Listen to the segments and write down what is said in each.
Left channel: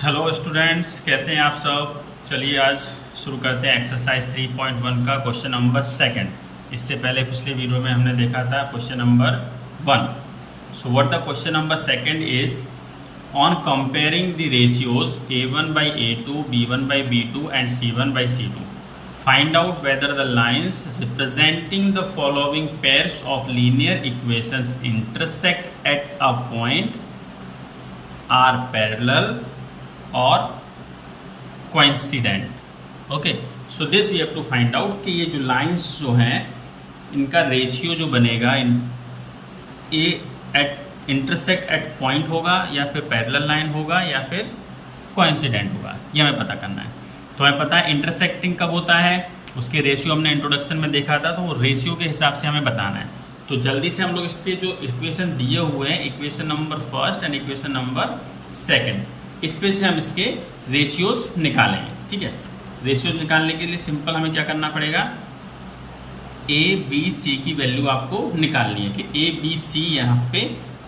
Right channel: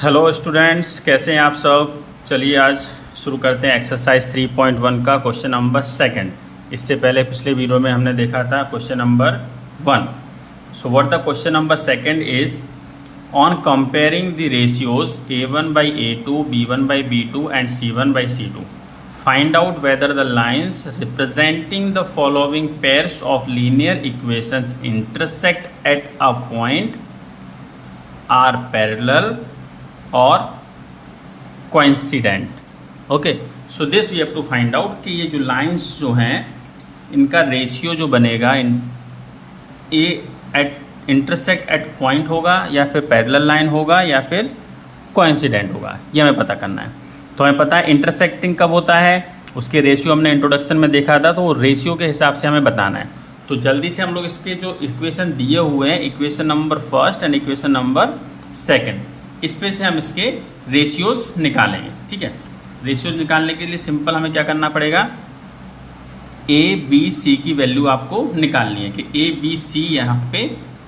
Hello students, कैसे हैं आप सब। चलिए आज शुरू करते हैं एक्सरसाइज 3.1 का क्वेश्चन नंबर सेकंड। इससे पहले पिछले वीडियो में हमने देखा था question number 1। So what the question number second is on comparing the ratios a1/a2, b1/b2 and c1/c2 find out whether the lines representing the following pairs of linear equations intersect at a point or parallel और coincident. Okay, so this we have to find out कि ये जो lines जो हैं इनका ratio जो बनेगा ए eight intersect at point होगा या फिर पैरेलल लाइन होगा या फिर कोइंसिडेंट होगा, ये हमें पता करना है। तो हमें पता है इंटरसेक्टिंग कब होता है, उसके रेशियो हमने इंट्रोडक्शन में देखा था, तो वो रेशियो के हिसाब से हमें बताना है। तो जल्दी से हम लोग इसके जो इक्वेशन दिए हुए हैं, equation number first and equation number second, इस पे से हम इसके रेशियोज निकालेंगे। ठीक है, रेशियोज निकालने के लिए सिंपल हमें क्या करना पड़ेगा, ए बी सी की वैल्यू आपको निकालनी है कि ए बी सी यहाँ पे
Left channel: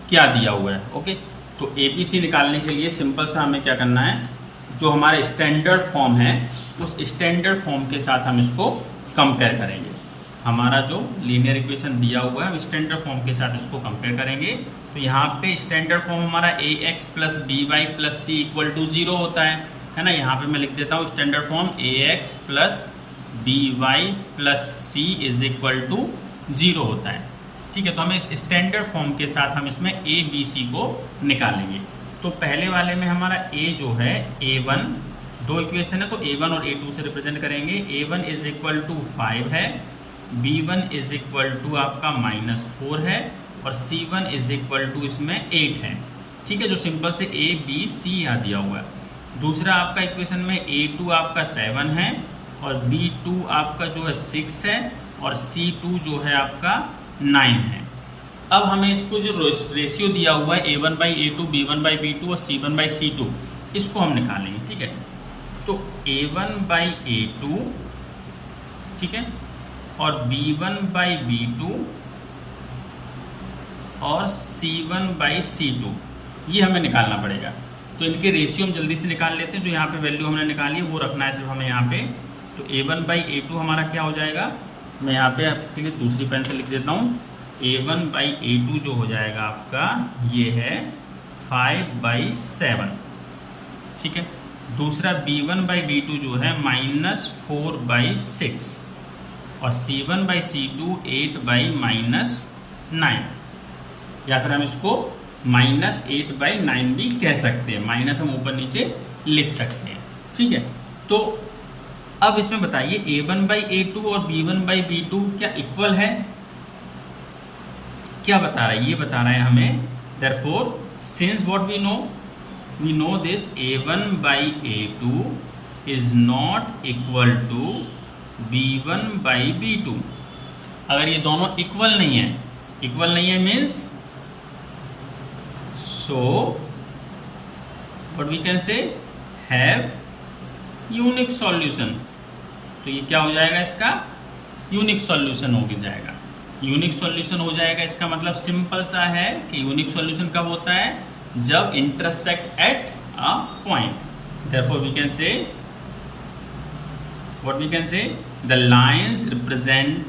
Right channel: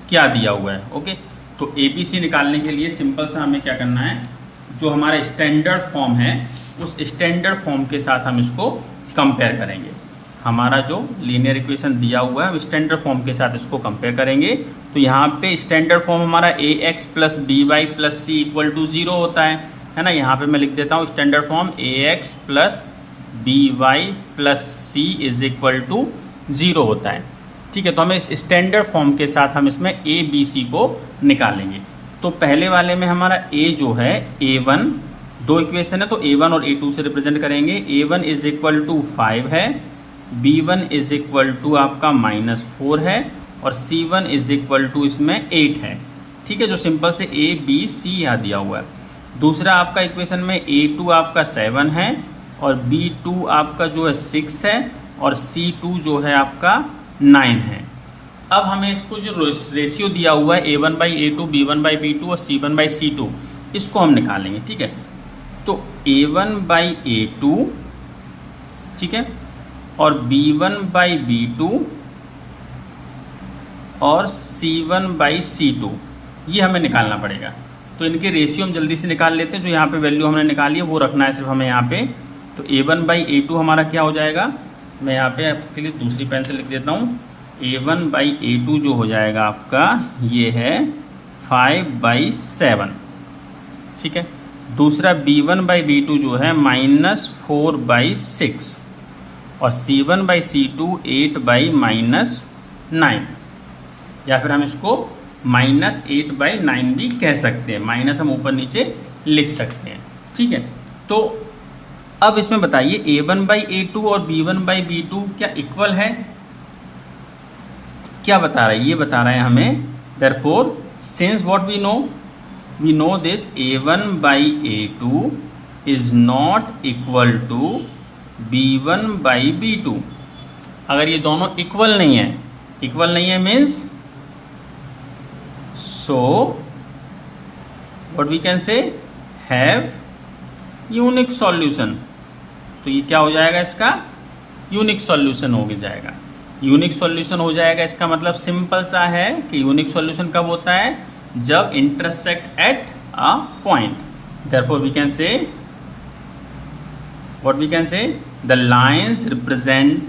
क्या दिया हुआ है। ओके, तो ए बी सी निकालने के लिए सिंपल सा हमें क्या करना है, जो हमारा स्टैंडर्ड फॉर्म है उस स्टैंडर्ड फॉर्म के साथ हम इसको कंपेयर करेंगे। हमारा जो लीनियर इक्वेशन दिया हुआ है हम स्टैंडर्ड फॉर्म के साथ इसको कंपेयर करेंगे। तो यहाँ पे स्टैंडर्ड फॉर्म हमारा a x plus b y plus c equal to 0 होता है ना। यहाँ पे मैं लिख देता हूँ standard form a x plus b y plus c is equal to 0 होता है। ठीक है, तो हमें इस स्टैंडर्ड फॉर्म के साथ हम इसमें ए बी सी को निकालेंगे। तो पहले वाले में हमारा ए जो है A1, दो इक्वेशन है तो A1 और A2 से रिप्रेजेंट करेंगे। A1 इज इक्वल टू 5 है, B1 इज इक्वल टू आपका -4 है और C1 इज इक्वल टू इसमें 8 है। ठीक है, जो सिंपल से A B C यहाँ दिया हुआ है। दूसरा आपका इक्वेशन में A2 आपका 7 है और B2 आपका जो है 6 है और C2 जो है आपका 9 है। अब हमें इसको जो रेशियो दिया हुआ है A1/A2, B1/B2 और C1/C2, इसको हम निकालेंगे। ठीक है, तो A1/A2, ठीक है, और B1/B2 और C1/C2 ये हमें निकालना पड़ेगा। तो इनके रेशियो हम जल्दी से निकाल लेते हैं। जो यहाँ पे वैल्यू हमने निकाली है वो रखना है सिर्फ हमें यहाँ पे। तो A1/A2 हमारा क्या हो जाएगा, मैं यहाँ पे आपके लिए दूसरी पेन से लिख देता हूँ। A1/A2 जो हो जाएगा आपका ये है 5/7। ठीक है, दूसरा B1/B2 जो है -4/6 और C1/C2 8/-9, या फिर हम इसको -8/9 भी कह सकते हैं, माइनस हम ऊपर नीचे लिख सकते हैं। ठीक है, तो अब इसमें बताइए A1/A2 और B1/B2 क्या इक्वल है, क्या बता रहा है, ये बता रहा है हमें। Therefore since what we know this A1/A2 is not equal to B1/B2। अगर ये दोनों इक्वल नहीं है means so what we can say have unique solution. तो ये क्या हो जाएगा, इसका यूनिक सॉल्यूशन हो जाएगा। यूनिक सॉल्यूशन हो जाएगा इसका मतलब सिंपल सा है कि यूनिक सॉल्यूशन कब होता है, जब intersect at a point. Therefore we can say what we can say, the lines represent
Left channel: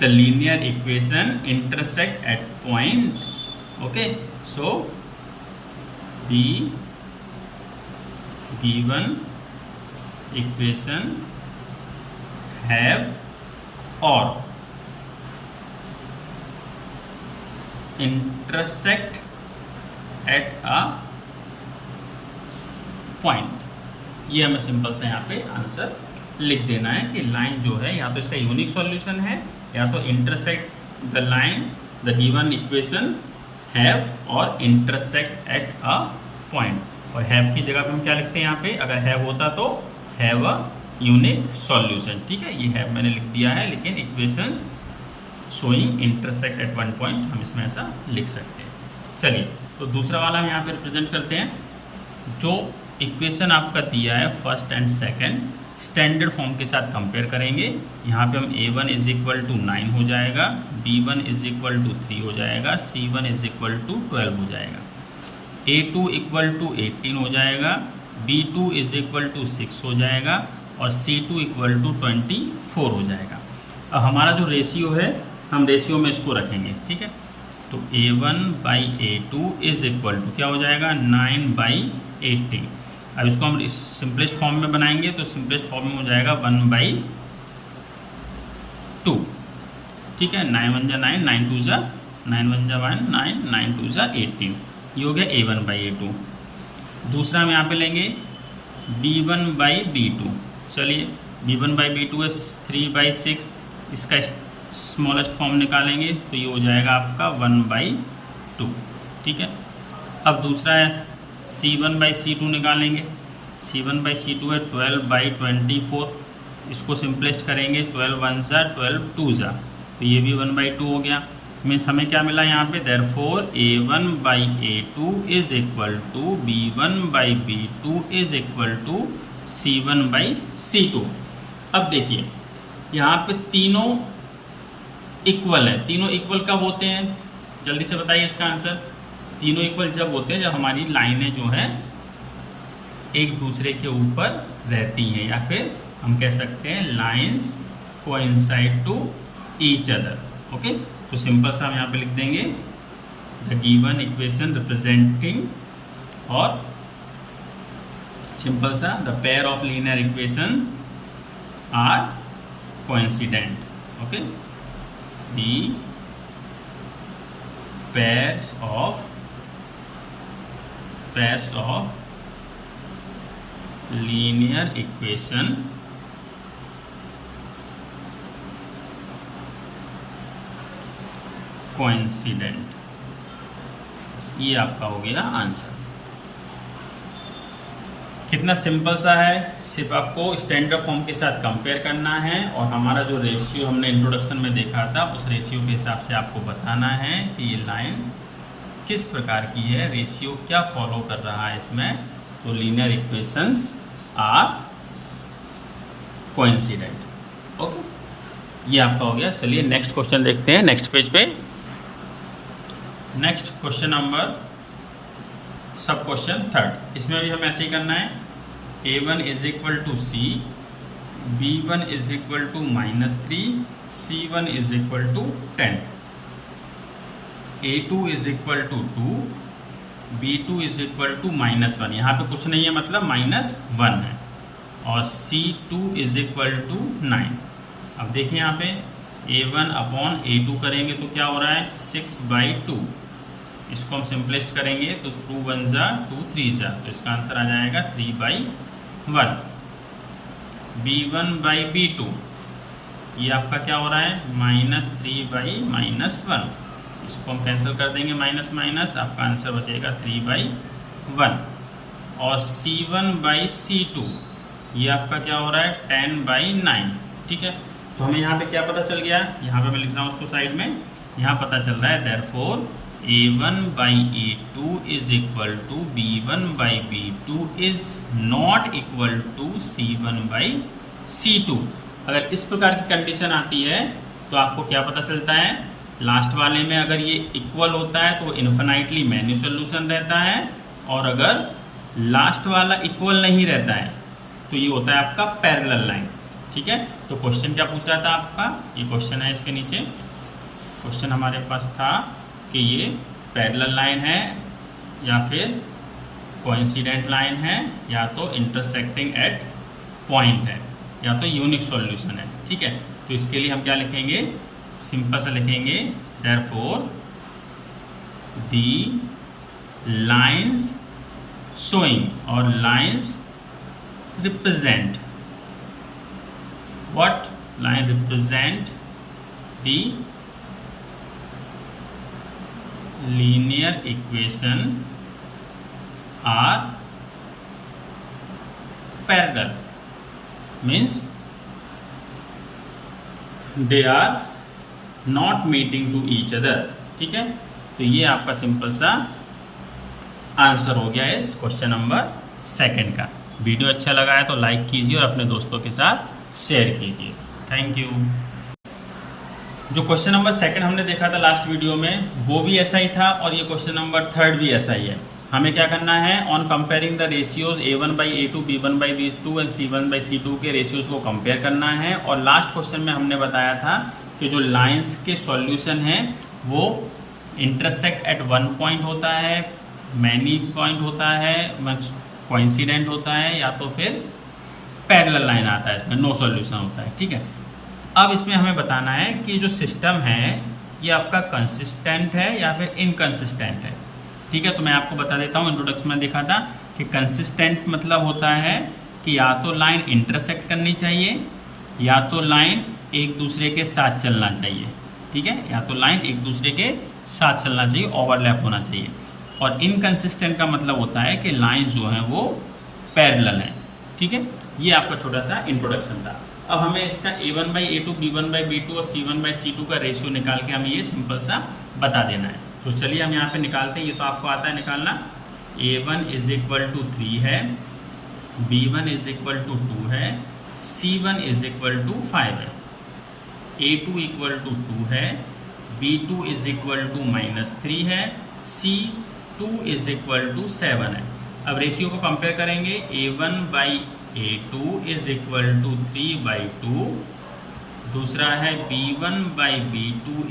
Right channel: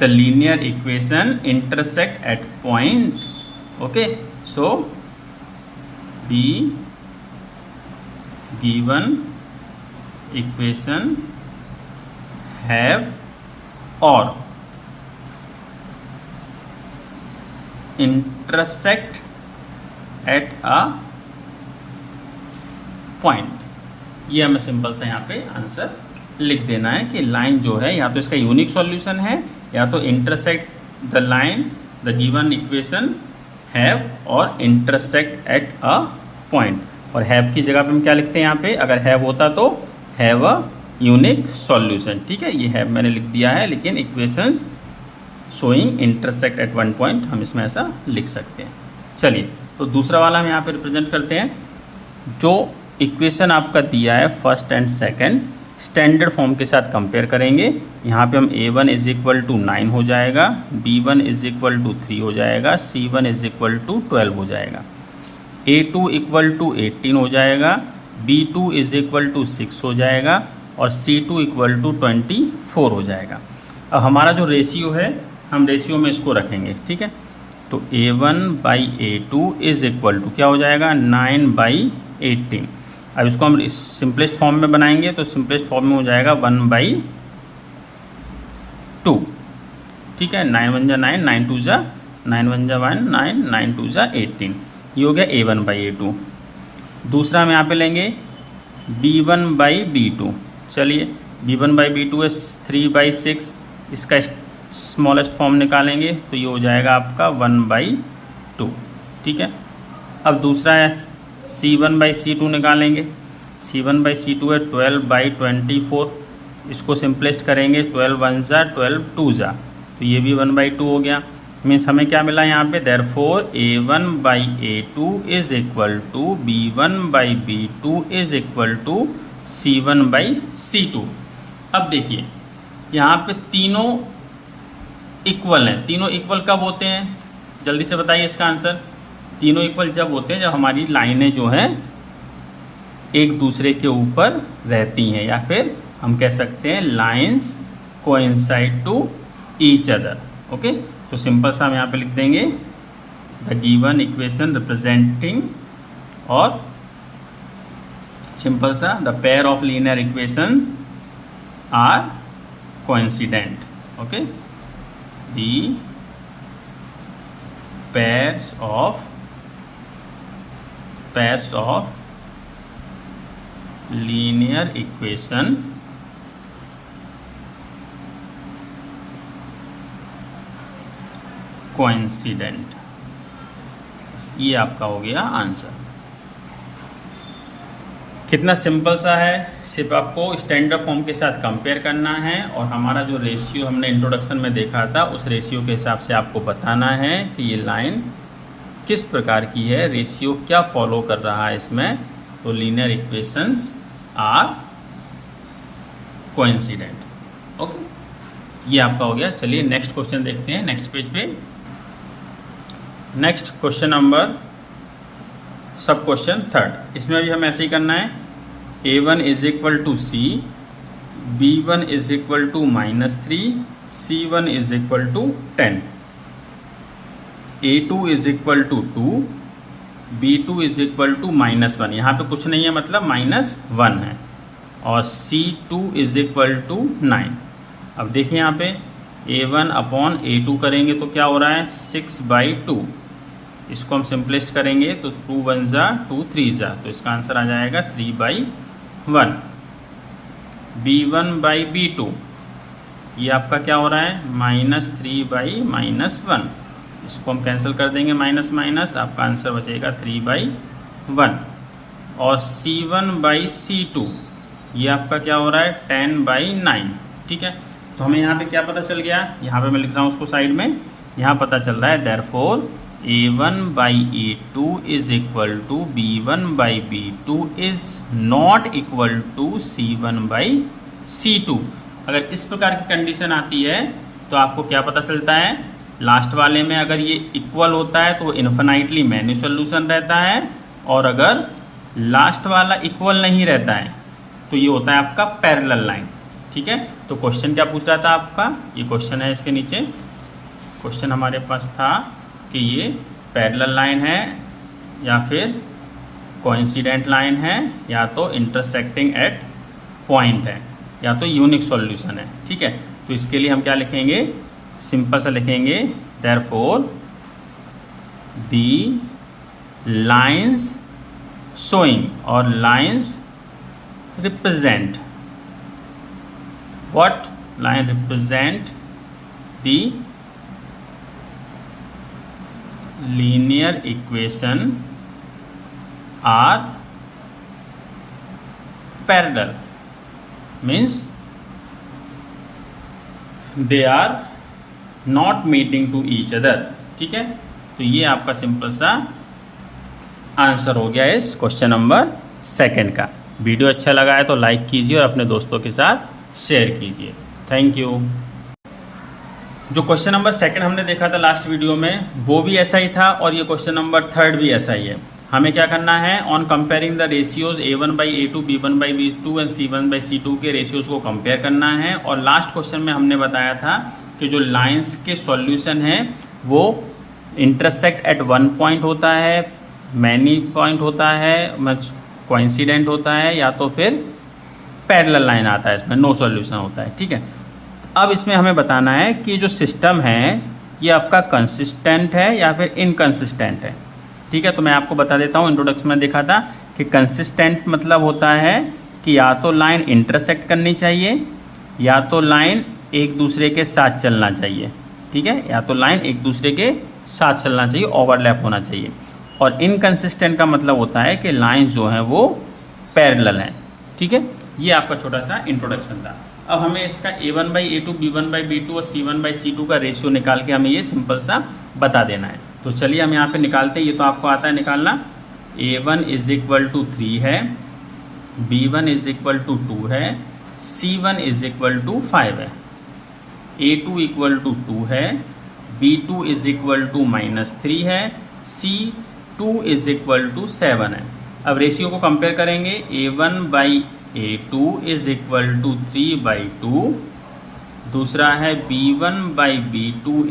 the linear equation intersect at point. Okay, so the given equation have or intersect at a point। ये हमें simple सा यहाँ पे answer लिख देना है कि line जो है या तो इसका यूनिक सॉल्यूशन है या तो intersect the line the given equation have और इंटरसेक्ट एट अ पॉइंट। और हैव की जगह पे हम क्या लिखते हैं यहाँ पे, अगर हैव होता तो हैव अ यूनिक सॉल्यूशन। ठीक है, ये हैव मैंने लिख दिया है, लेकिन equations showing intersect at one point हम इसमें ऐसा लिख सकते हैं। चलिए, तो दूसरा वाला हम यहाँ पे रिप्रेजेंट करते हैं। जो इक्वेशन आपका दिया है first and second, standard form के साथ कंपेयर करेंगे। यहाँ पे हम A1 इज इक्वल टू 9 हो जाएगा, B1 इज इक्वल टू 3 हो जाएगा, C1 इज इक्वल टू 12 हो जाएगा, A2 इक्वल टू 18 हो जाएगा B2 इज इक्वल टू 6 हो जाएगा और C2 इक्वल टू 24 हो जाएगा। अब हमारा जो रेशियो है हम रेशियो में इसको रखेंगे, ठीक है। तो A1/A2 इज इक्वल टू क्या हो जाएगा 9/18। अब इसको हम सिंपलेस्ट फॉर्म में बनाएंगे तो सिंपलेस्ट फॉर्म में हो जाएगा 1/2, ठीक है। 9 1 जा 9, 9 2 जा 9 1 जा 1, 9 9 2 जा 18। ये हो गया A1/A2। दूसरा हम यहाँ पे लेंगे B1/B2। चलिए B1/B2 है 3/6, इसका स्मॉलेस्ट फॉर्म निकालेंगे तो ये हो जाएगा आपका 1/2, ठीक है। अब दूसरा है C1/C2 निकालेंगे। C1/C2 है 12/24, इसको सिंपलेस्ट करेंगे 12 1 जा 12 2 जा, तो ये भी 1/2 हो गया। मीन्स हमें क्या मिला यहाँ पे, therefore A1/A2 is equal to B1/B2 is equal to C1/C2। अब देखिए यहाँ पे तीनों इक्वल हैं। तीनों इक्वल कब होते हैं, जल्दी से बताइए इसका आंसर। तीनों इक्वल जब होते हैं जब हमारी लाइनें जो हैं एक दूसरे के ऊपर रहती हैं, या फिर हम कह सकते हैं lines coincide to each other. Okay, तो सिंपल सा हम यहाँ पे लिख देंगे द गिवन इक्वेशन रिप्रेजेंटिंग, और सिंपल सा the pair of linear equation are coincident. Okay, the pairs of linear equation coincident। ये आपका हो गया आंसर। कितना सिंपल सा है, सिर्फ आपको स्टैंडर्ड फॉर्म के साथ कंपेयर करना है और हमारा जो रेशियो हमने इंट्रोडक्शन में देखा था उस रेशियो के हिसाब से आपको बताना है कि ये लाइन किस प्रकार की है, रेशियो क्या फॉलो कर रहा है इसमें। तो linear equations are coincident. Okay, ये आपका हो गया। चलिए नेक्स्ट क्वेश्चन देखते हैं नेक्स्ट पेज पे। Next question number sub question 3, इसमें भी हमें ऐसे ही करना है। A1 is equal to C, B1 is equal to -3, C1 is equal to 10, A2 is equal to 2, B2 is equal to -1। यहाँ पे कुछ नहीं है मतलब -1 है, और C2 इज इक्वल टू 9। अब देखिए यहाँ पे A1/A2 करेंगे तो क्या हो रहा है 6/2। इसको हम सिंपलेस्ट करेंगे तो 2 1 जा 2 3 जा, तो इसका आंसर आ जाएगा 3/1। B1/B2 ये आपका क्या हो रहा है -3/-1, इसको हम कैंसिल कर देंगे माइनस माइनस, आपका आंसर बचेगा 3/1। और C1/C2 ये आपका क्या हो रहा है 10/9, ठीक है। तो हमें यहाँ पे क्या पता चल गया, यहाँ पे मैं लिख रहा हूँ उसको साइड में, यहाँ पता चल रहा है therefore A1/A2 is equal to B1/B2 is not equal to C1/C2। अगर इस प्रकार की कंडीशन आती है तो आपको क्या पता चलता है, लास्ट वाले में अगर ये इक्वल होता है तो इन्फिनाइटली मैन्यू सोल्यूशन रहता है, और अगर लास्ट वाला इक्वल नहीं रहता है तो ये होता है आपका पैरेलल लाइन, ठीक है। तो क्वेश्चन क्या पूछ रहा था आपका, ये क्वेश्चन है इसके नीचे। क्वेश्चन हमारे पास था कि ये पैरेलल लाइन है या फिर कोइंसिडेंट लाइन है या तो इंटरसेक्टिंग एट पॉइंट है या तो यूनिक सॉल्यूशन है, ठीक है। तो इसके लिए हम क्या लिखेंगे, सिंपल सा लिखेंगे देयरफॉर दी लाइंस शोइंग और lines represent, what line represent the linear equation are parallel, means they are not meeting to each other, ठीक है। तो ये आपका सिंपल सा आंसर हो गया इस क्वेश्चन नंबर 2 का। वीडियो अच्छा लगा है तो लाइक कीजिए और अपने दोस्तों के साथ शेयर कीजिए। Thank you. जो क्वेश्चन नंबर 2 हमने देखा था लास्ट वीडियो में वो भी ऐसा ही था और ये क्वेश्चन नंबर 3 भी ऐसा ही है। हमें क्या करना है, on comparing the ratios A1/A2, B1/B2 and C1/C2 के रेशियोज को कंपेयर करना है। और लास्ट क्वेश्चन में हमने बताया था कि जो लाइंस के सॉल्यूशन है वो इंटरसेक्ट एट वन पॉइंट होता है, मैनी पॉइंट होता है, कोइंसिडेंट होता है, या तो फिर पैरेलल लाइन आता है, इसमें नो सॉल्यूशन होता है। ठीक है, अब इसमें हमें बताना है कि जो सिस्टम है ये आपका कंसिस्टेंट है या फिर इनकंसिस्टेंट है। ठीक है, तो मैं आपको बता देता हूँ, इंट्रोडक्शन में देखा था कि कंसिस्टेंट मतलब होता है कि या तो लाइन इंटरसेक्ट करनी चाहिए या तो लाइन एक दूसरे के साथ चलना चाहिए। ठीक है, या तो लाइन एक दूसरे के साथ चलना चाहिए, ओवरलैप होना चाहिए। और इनकंसिस्टेंट का मतलब होता है कि लाइन जो है वो पैरेलल हैं। ठीक है, ये आपका छोटा सा इंट्रोडक्शन था। अब हमें इसका A1/A2, B1/B2 और C1/C2 का रेशियो निकाल के हमें ये सिंपल सा बता देना है। तो चलिए हम यहाँ पे निकालते हैं, ये तो आपको आता है निकालना। A1 = 3 है, B1 = 2 है, C1 = 5 है, A2 = 2 है, B2 = -3 है, C2 = 7 है। अब रेशियो को कंपेयर करेंगे, A1/A2 = 3/2, दूसरा है B1/B2 =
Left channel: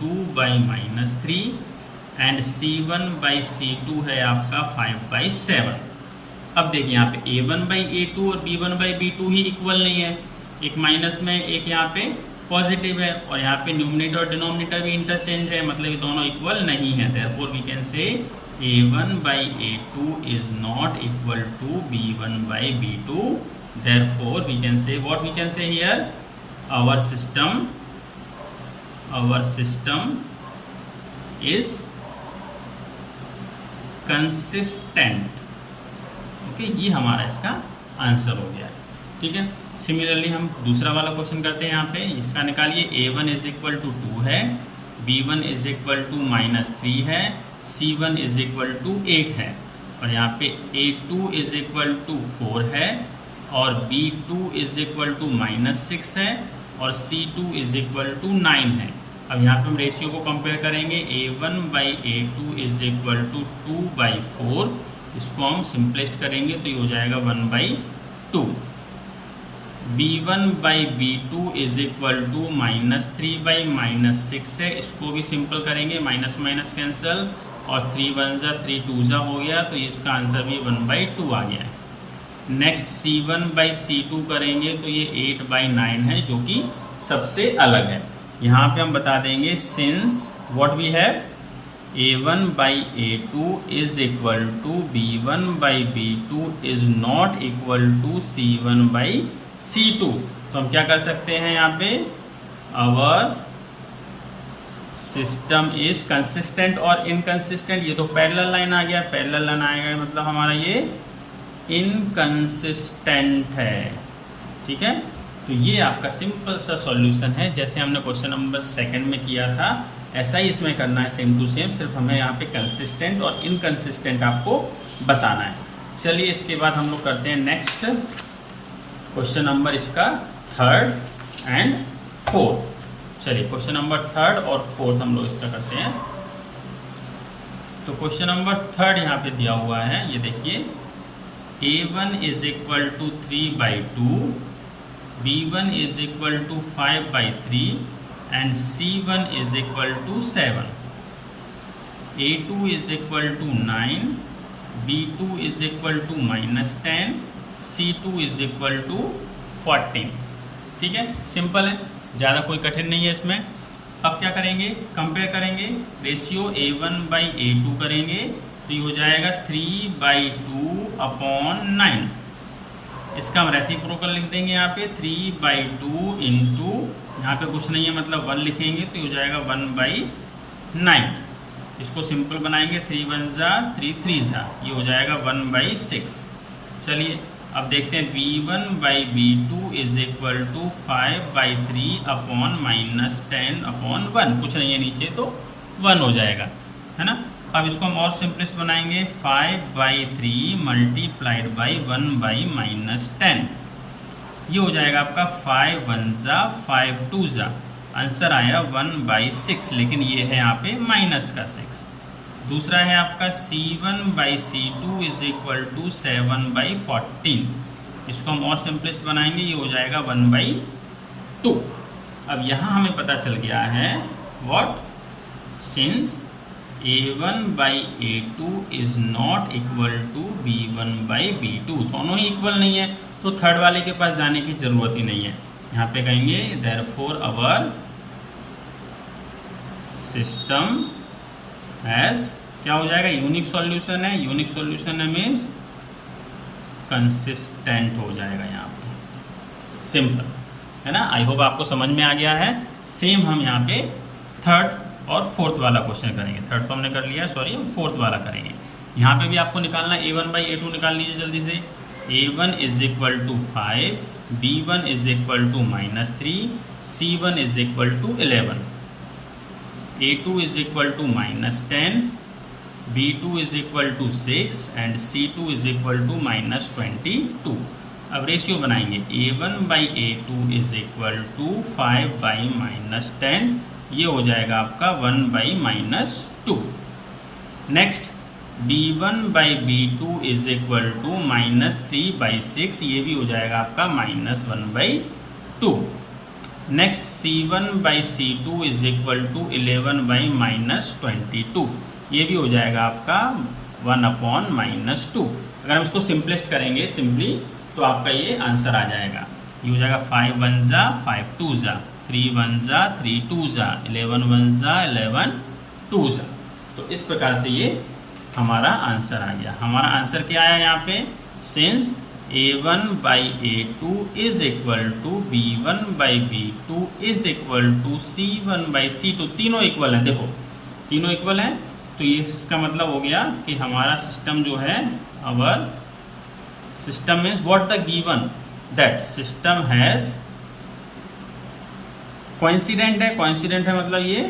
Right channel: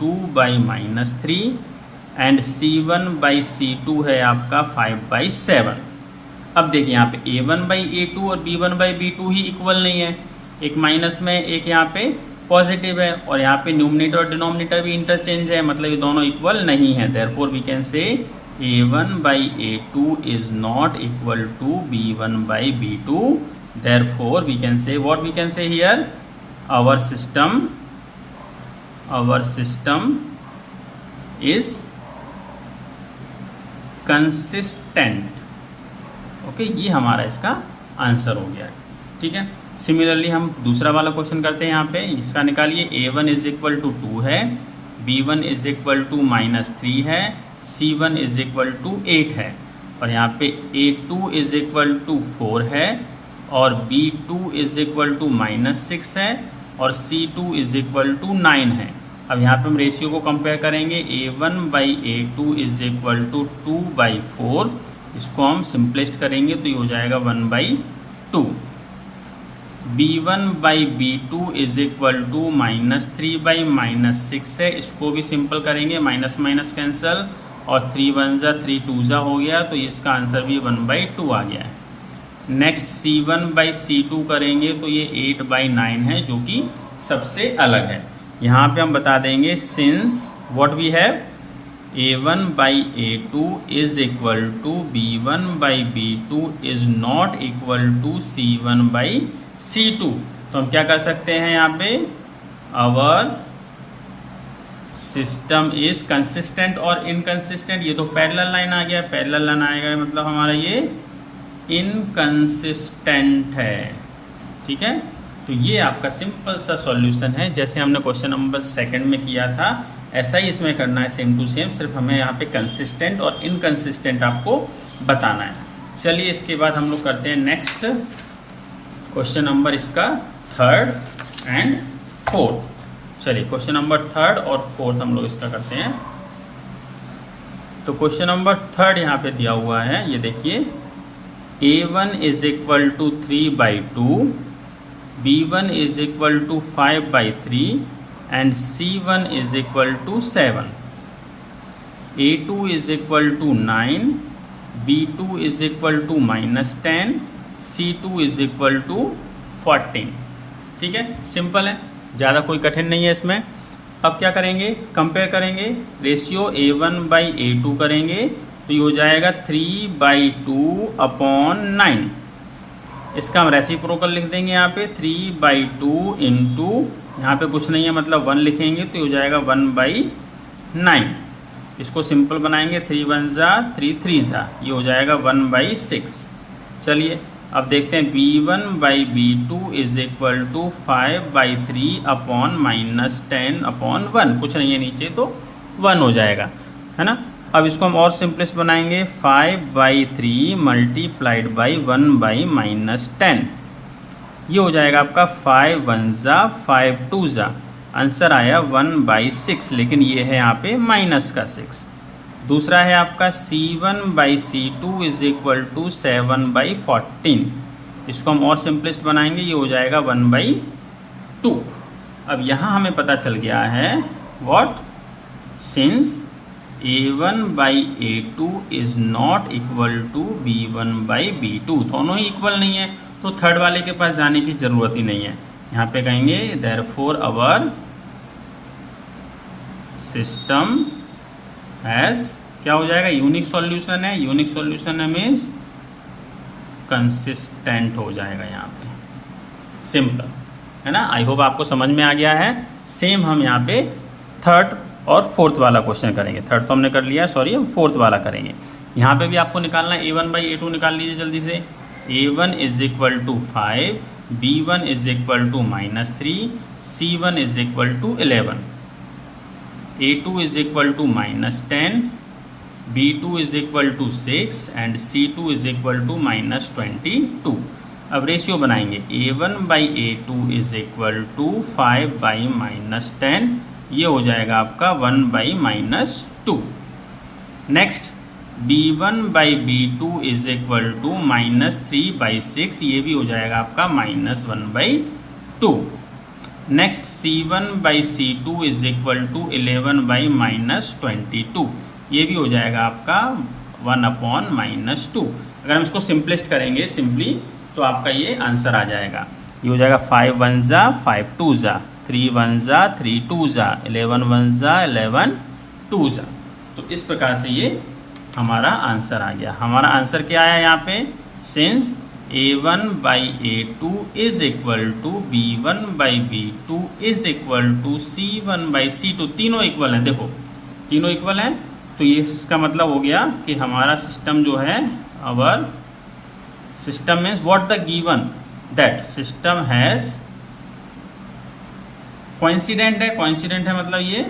2/-3 एंड C1/C2 है आपका 5/7। अब देखिए यहाँ पे A1/A2 और B1/B2 ही इक्वल नहीं है, एक माइनस में एक यहाँ पे पॉजिटिव है, और यहाँ पे न्यूमरेटर और डिनोमिनेटर भी इंटरचेंज है, मतलब ये दोनों इक्वल नहीं है। देयरफॉर वी कैन से A1/A2 is not equal to B1/B2. Therefore we can say, what we can say here, our system is consistent. Okay, ये हमारा इसका आंसर हो गया है। ठीक है, सिमिलरली हम दूसरा वाला क्वेश्चन करते हैं। यहाँ पे इसका निकालिए, A1 = 2 है, B1 = -3 है, C1 = 8 है, और यहाँ पे A2 = 4 है, और B2 = -6 है, और C2 = 9 है। अब यहाँ पे हम रेशियो को कंपेयर करेंगे, A1/A2 = 2/4, इसको हम सिंपलेस्ट करेंगे तो ये हो जाएगा 1/2। B1/B2 = -3/-6 है, इसको भी सिंपल करेंगे, माइनस माइनस कैंसल, और 3 1 जा 3 2 जा हो गया, तो इसका आंसर भी 1/2 आ गया है। नेक्स्ट C1/C2 करेंगे तो ये 8/9 है, जो कि सबसे अलग है। यहाँ पे हम बता देंगे, since what we have, A1/A2 = B1/B2 is not equal to C1/C2, तो हम क्या कर सकते हैं यहाँ पे, आवर सिस्टम इज कंसिस्टेंट और इनकंसिस्टेंट। ये तो पैरेलल लाइन आ गया, पैरेलल लाइन आएगा मतलब हमारा ये इनकंसिस्टेंट है। ठीक है, तो ये आपका सिंपल सा सॉल्यूशन है, जैसे हमने क्वेश्चन नंबर 2 में किया था ऐसा ही इसमें करना है, सेम टू सेम, सिर्फ हमें यहाँ पे कंसिस्टेंट और इनकंसिस्टेंट आपको बताना है। चलिए इसके बाद हम लोग करते हैं नेक्स्ट क्वेश्चन नंबर इसका 3rd एंड 4th। चलिए क्वेश्चन नंबर 3rd और 4th हम लोग इसका करते हैं। तो क्वेश्चन नंबर 3rd यहाँ पे दिया हुआ है, ये देखिए, A1 = 3/2, B1 = 5/3 and C1 = 7, A2 = 9, B2 = -10, C2 = 14। ठीक है, सिंपल है, ज़्यादा कोई कठिन नहीं है इसमें। अब क्या करेंगे, कंपेयर करेंगे, रेशियो A1/A2 करेंगे तो ये हो जाएगा 3/2/9। इसका हम रेसिप्रोकल लिख देंगे यहाँ पे, 3/2 इंटू, यहाँ पे कुछ नहीं है मतलब 1 लिखेंगे तो ये हो जाएगा 1/9। इसको सिंपल बनाएंगे, 3 1 जा 3 3 जा, ये हो जाएगा 1/6। चलिए अब देखते हैं, B1/B2 = 5/3/-10/1, कुछ नहीं है नीचे तो 1 हो जाएगा, है ना। अब इसको हम और सिंपलेस्ट बनाएंगे, 5/3 × 1/-10, ये हो जाएगा आपका 5 1 जा 5 2 जा, आंसर आया 1/6, लेकिन ये है यहाँ पे माइनस का 6। दूसरा है आपका C1/C2 इज इक्वल टू 7/14। इसको हम और सिंपलेस्ट बनाएंगे, ये हो जाएगा 1/2। अब यहाँ हमें पता चल गया है what, since A1/A2 is not equal to B1/B2, दोनों ही इक्वल नहीं है, तो थर्ड वाले के पास जाने की जरूरत ही नहीं है। यहाँ पे कहेंगे देयरफॉर अवर सिस्टम हैज, क्या हो जाएगा, यूनिक सॉल्यूशन है। यूनिक सॉल्यूशन मीन्स कंसिस्टेंट हो जाएगा यहाँ पे, सिंपल है ना। आई होप आपको समझ में आ गया है। सेम हम यहाँ पे थर्ड और फोर्थ वाला क्वेश्चन करेंगे। थर्ड तो हमने कर लिया, सॉरी, हम फोर्थ वाला करेंगे। यहाँ पे भी आपको निकालना है A1/A2, निकाल लीजिए जल्दी से। A1 is equal to 5, B1 is equal to -3, C1 is equal to 11, A2 is equal to -10, B2 is equal to 6 and C2 is equal to -22। अब रेशियो बनाएंगे, A1/A2 इज इक्वल टू 5/-10, ये हो जाएगा आपका 1/-2। Next B1/B2 is equal to -3/6, ये भी हो जाएगा आपका -1/2। Next C1/C2 is equal to 11/-22, ये भी हो जाएगा आपका 1/-2। अगर हम इसको सिंपलेस्ट करेंगे सिंपली, तो आपका ये आंसर आ जाएगा। ये हो जाएगा 5 1 जा 5 2 जा, 3 1 जा 3 2 जा, 11 1 जा 11 2 जा। तो इस प्रकार से ये हमारा आंसर आ गया। हमारा आंसर क्या आया यहाँ पे, since A1/A2 is equal to B1/B2 is equal to C1/C2, तीनों इक्वल हैं। देखो तीनों इक्वल हैं, तो ये इसका मतलब हो गया कि हमारा सिस्टम जो है, our system means what the given, that system has coincident है। कोइंसिडेंट है मतलब ये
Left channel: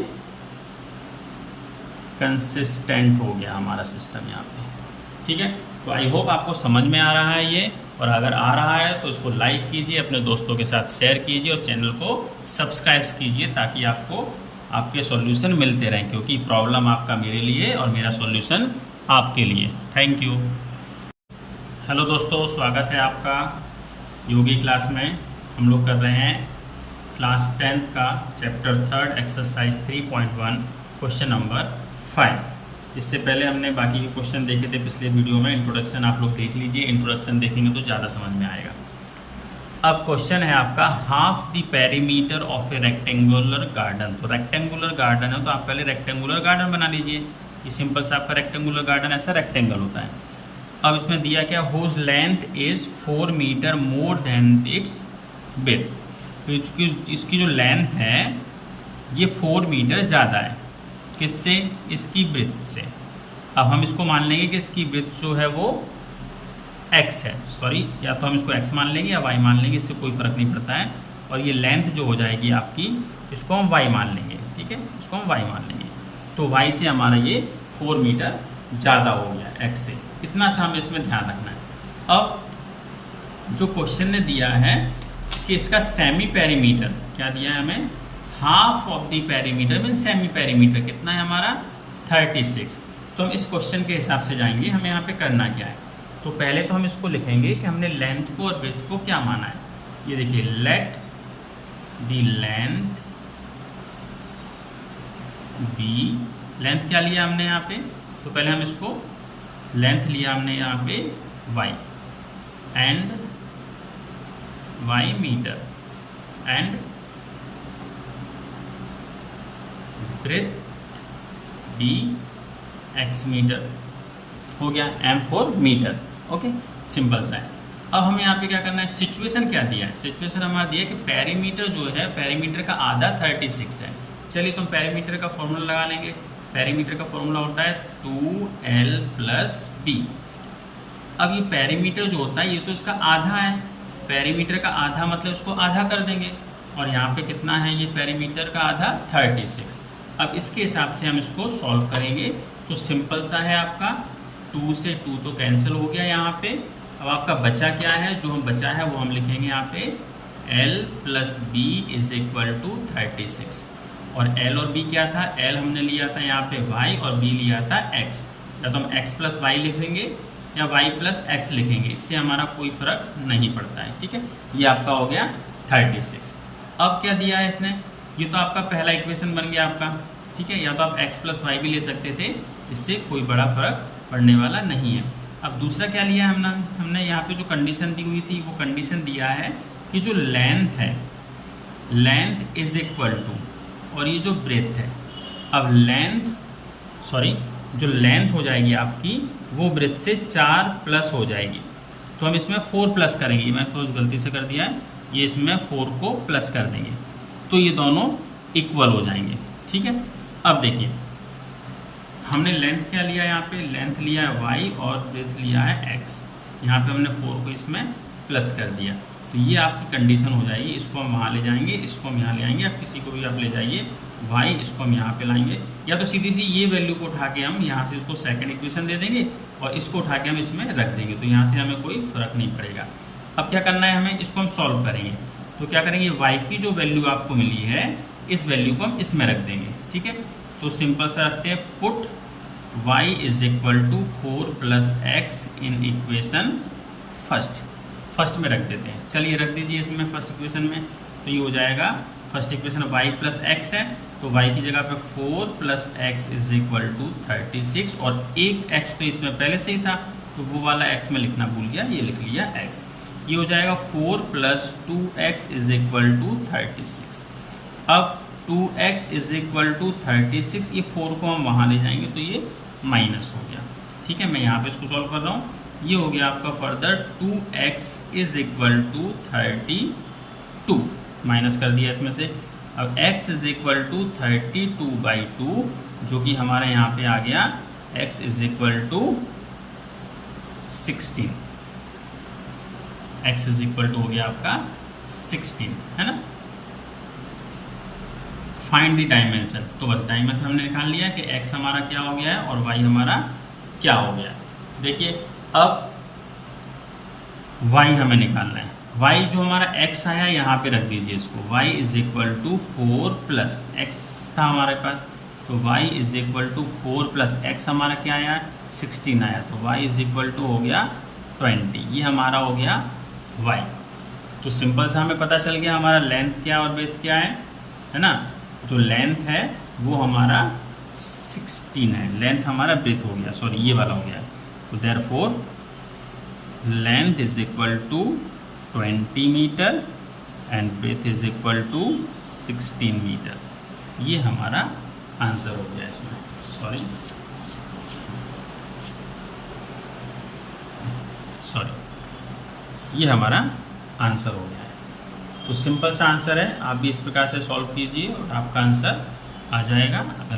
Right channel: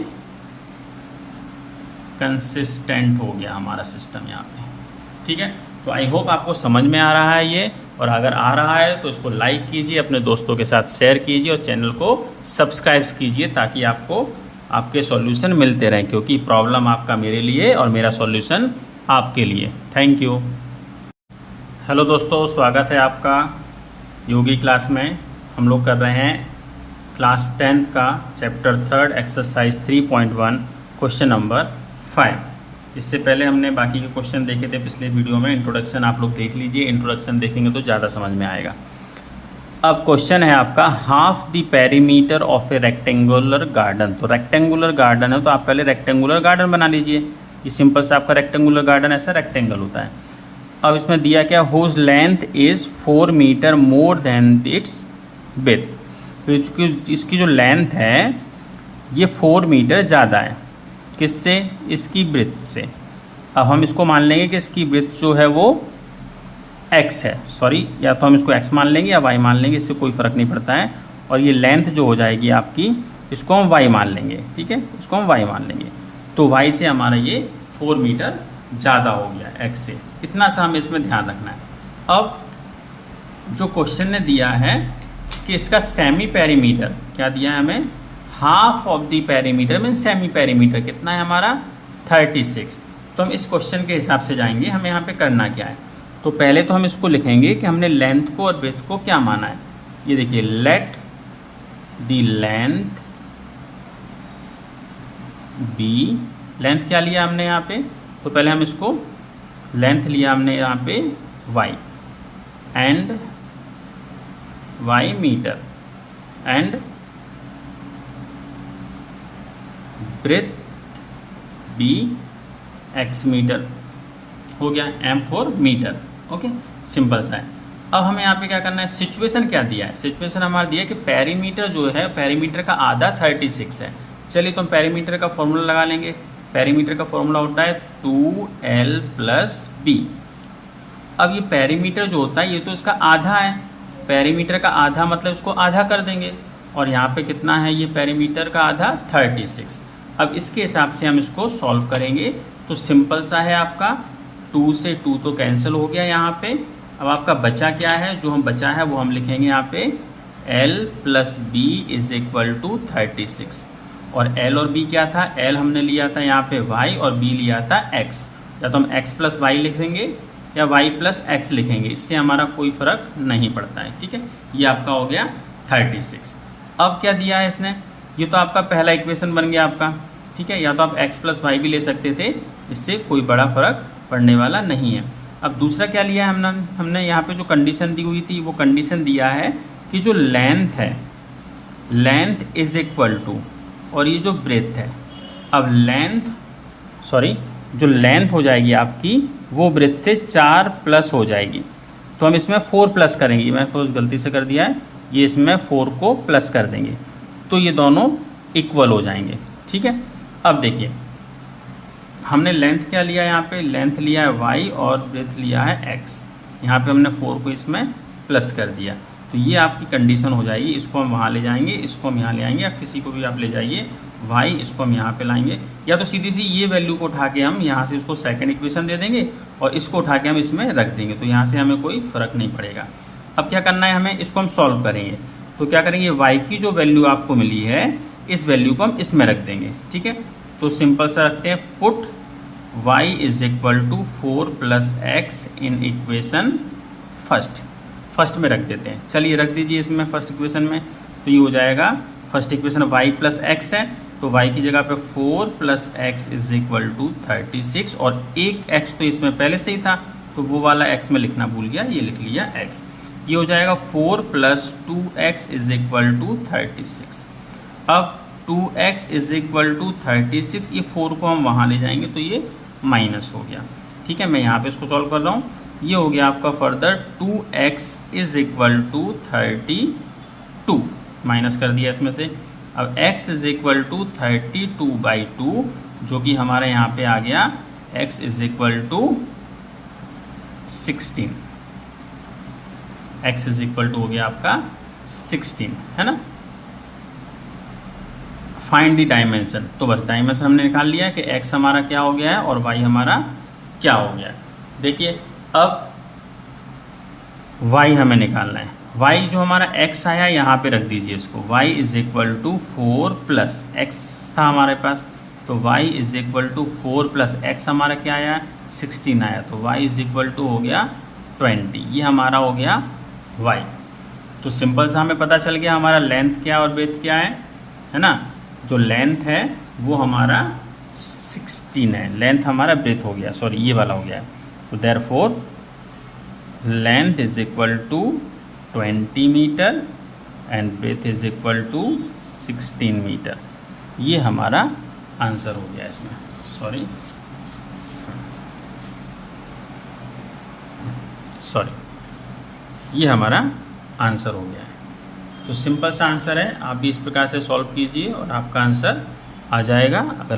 कंसिस्टेंट हो गया हमारा सिस्टम यहाँ पे, ठीक है। तो आई होप आपको समझ में आ रहा है ये, और अगर आ रहा है तो इसको लाइक कीजिए, अपने दोस्तों के साथ शेयर कीजिए और चैनल को सब्सक्राइब कीजिए, ताकि आपको आपके सॉल्यूशन मिलते रहें, क्योंकि प्रॉब्लम आपका मेरे लिए और मेरा सॉल्यूशन आपके लिए। Thank you. हेलो दोस्तों, स्वागत है आपका योगी क्लास में। हम लोग कर रहे हैं क्लास 10th का चैप्टर 3 एक्सरसाइज 3.1 क्वेश्चन नंबर 5। इससे पहले हमने बाकी के क्वेश्चन देखे थे पिछले वीडियो में। इंट्रोडक्शन आप लोग देख लीजिए, इंट्रोडक्शन देखेंगे तो ज़्यादा समझ में आएगा। अब क्वेश्चन है आपका, half the perimeter of A rectangular garden. तो रेक्टेंगुलर गार्डन है, तो आप पहले रेक्टेंगुलर गार्डन बना लीजिए। ये सिंपल सा आपका रेक्टेंगुलर गार्डन ऐसा रेक्टेंगल होता है। अब इसमें दिया क्या, whose length is 4 metre more than its width. तो इसकी जो लेंथ है ये 4 मीटर ज़्यादा है, किससे, इसकी ब्रेथ से। अब हम इसको मान लेंगे कि इसकी ब्रेथ जो है वो x है, सॉरी, या तो हम इसको x मान लेंगे या y मान लेंगे, इससे कोई फ़र्क नहीं पड़ता है। और ये लेंथ जो हो जाएगी आपकी, इसको हम y मान लेंगे, ठीक है, इसको हम y मान लेंगे। तो y से हमारा ये 4 मीटर ज़्यादा हो गया x से, इतना सा हमें इसमें ध्यान रखना है। अब जो क्वेश्चन ने दिया है कि इसका सेमी पेरीमीटर क्या दिया है हमें, हाफ ऑफ द पेरीमीटर में सेमी पेरीमीटर कितना है हमारा 36। तो हम इस क्वेश्चन के हिसाब से जाएंगे, हमें यहाँ पे करना क्या है। तो पहले तो हम इसको लिखेंगे कि हमने लेंथ को और ब्रेथ को क्या माना है। ये देखिए, let the length be, length क्या लिया हमने यहाँ पे, तो पहले हम इसको लेंथ लिया हमने यहाँ पे y and y metre and breadth b x metre, हो गया m for metre. Okay, simple सा है। अब हमें यहाँ पे क्या करना है, सिचुएशन क्या दिया है, सिचुएशन हमारा दिया है कि पेरीमीटर जो है, पेरीमीटर का आधा 36 है। चलिए तो हम पेरीमीटर का फॉर्मूला लगा लेंगे। पेरीमीटर का फॉर्मूला होता है 2l + b। अब ये पेरीमीटर जो होता है ये तो इसका आधा है, पेरीमीटर का आधा मतलब इसको आधा कर देंगे, और यहाँ पे कितना है ये पेरीमीटर का आधा 36। अब इसके हिसाब से हम इसको सॉल्व करेंगे। तो सिंपल सा है आपका, 2 से 2 तो कैंसिल हो गया यहाँ पे। अब आपका बचा क्या है, जो हम बचा है वो हम लिखेंगे यहाँ पे l + b = 36। और एल और बी क्या था, एल हमने लिया था यहाँ पे वाई और बी लिया था एक्स। या तो हम एक्स प्लस वाई लिखेंगे या वाई प्लस एक्स लिखेंगे, इससे हमारा कोई फर्क नहीं पड़ता है। ठीक है, ये आपका हो गया 36। अब क्या दिया है इसने, ये तो आपका पहला इक्वेशन बन गया आपका। ठीक है, या तो आप एक्स प्लस वाई भी ले सकते थे, इससे कोई बड़ा फर्क पड़ने वाला नहीं है। अब दूसरा क्या लिया है हमने यहाँ पे जो कंडीशन दी हुई थी, वो कंडीशन दिया है कि जो लेंथ है, लेंथ इज इक्वल टू, और ये जो ब्रेथ है, अब जो लेंथ हो जाएगी आपकी वो ब्रेथ से 4 प्लस हो जाएगी। तो हम इसमें 4 प्लस करेंगे, मैं थोड़ा गलती से कर दिया है, ये इसमें 4 को प्लस कर देंगे तो ये दोनों इक्वल हो जाएंगे। ठीक है, अब देखिए हमने लेंथ क्या लिया है, यहाँ पे लेंथ लिया है y और ब्रेथ लिया है x। यहाँ पे हमने 4 को इसमें प्लस कर दिया, तो ये आपकी कंडीशन हो जाएगी। इसको हम वहाँ ले जाएंगे, इसको हम यहाँ ले आएंगे, या किसी को भी आप ले जाइए y, इसको हम यहाँ पे लाएंगे, या तो सीधी सी ये वैल्यू को उठा के हम यहाँ से इसको सेकंड इक्वेशन दे देंगे और इसको उठा के हम इसमें रख देंगे, तो यहाँ से हमें कोई फ़र्क नहीं पड़ेगा। अब क्या करना है हमें, इसको हम सॉल्व करेंगे। तो क्या करेंगे, y की जो वैल्यू आपको मिली है इस वैल्यू को हम इसमें रख देंगे। ठीक है, तो सिंपल सा रखते हैं, put y is equal to 4 plus x in equation first में रख देते हैं। चलिए रख दीजिए इसमें फर्स्ट इक्वेशन में, तो ये हो जाएगा first equation y plus x है, तो y की जगह पे 4 plus x is equal to 36, और एक x तो इसमें पहले से ही था तो वो वाला x में लिखना भूल गया, ये लिख लिया x। ये हो जाएगा 4 plus 2x is equal to 36। अब 2x इज इक्वल टू 36, ये 4 को हम वहाँ ले जाएंगे तो ये माइनस हो गया। ठीक है, मैं यहाँ पे इसको सॉल्व कर रहा हूँ, ये हो गया आपका further 2x is equal to 32, minus कर दिया इसमें से। अब x इज इक्वल टू 32/2, जो कि हमारे यहाँ पे आ गया x is equal to 16, x is equal to हो गया आपका 16, है ना। फाइंड द डायमेंशन, तो बस डायमेंशन हमने निकाल लिया कि x हमारा क्या हो गया है और y हमारा क्या हो गया है। देखिए अब y हमें निकालना है, y जो हमारा x आया यहाँ पे रख दीजिए इसको, y is equal to 4 plus x था हमारे पास, तो y is equal to 4 plus x हमारा क्या आया, 16 आया, तो y इज इक्वल टू हो गया 20, ये हमारा हो गया y। तो सिंपल सा हमें पता चल गया हमारा लेंथ क्या और ब्रेथ क्या है ना। जो लेंथ है वो हमारा 16 है, लेंथ हमारा ब्रेथ हो गया, सॉरी ये वाला हो गया। तो therefore length is equal to 20 metre and breadth is equal to 16 metre. ये हमारा आंसर हो गया इसमें, सॉरी ये हमारा आंसर हो गया है। तो सिंपल सा आंसर है, आप भी इस प्रकार से सॉल्व कीजिए और आपका आंसर आ जाएगा। अगर